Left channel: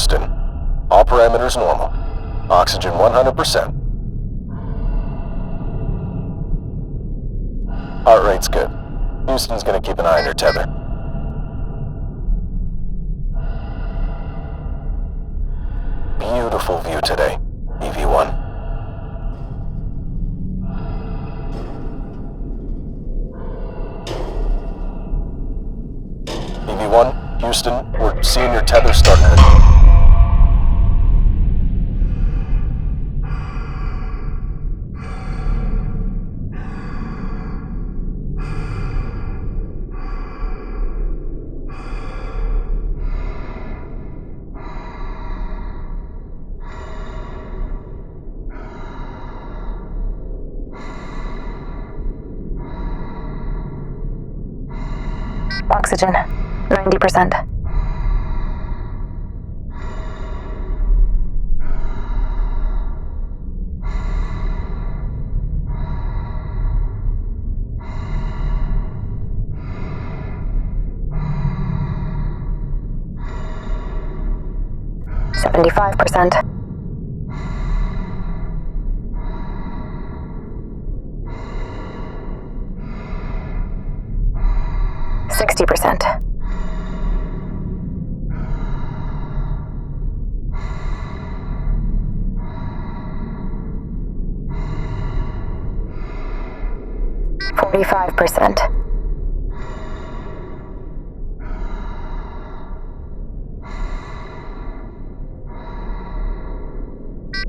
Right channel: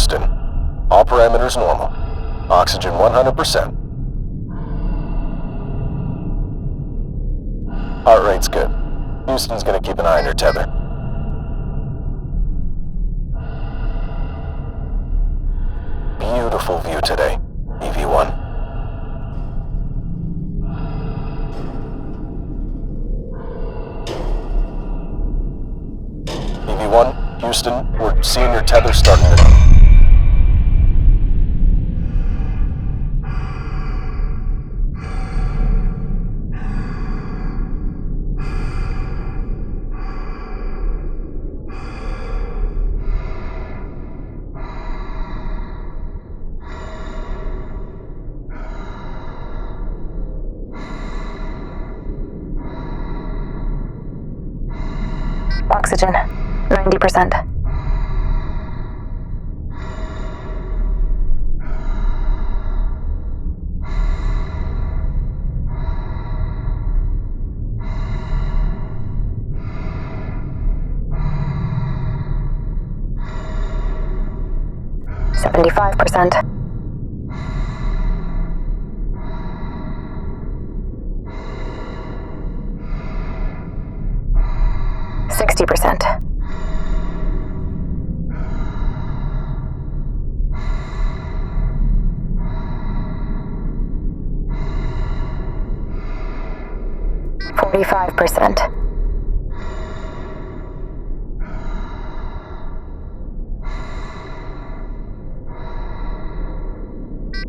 Houston. All parameters normal. Oxygen 100%. Heart rate's good. Houston's gonna keep an eye on your tether. Beautiful view today, EV1. EV1, Houston, we're seeing your tether starting to... Oxygen, 90%. $75%. $60%. $45%.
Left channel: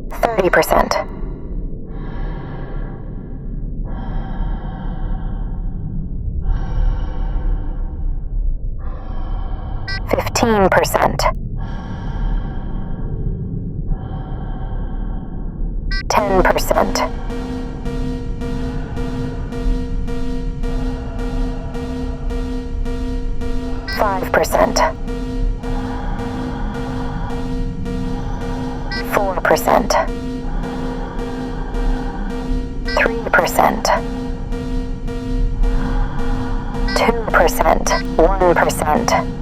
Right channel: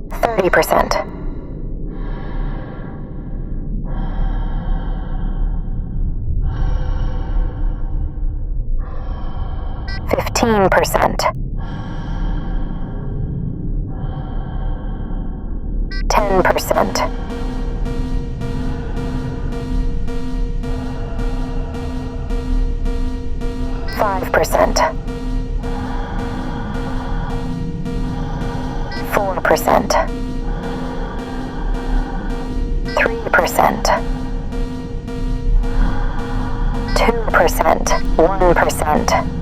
$30%. $15%. 10%. 5%. 4%. 3%. 2%. 1%.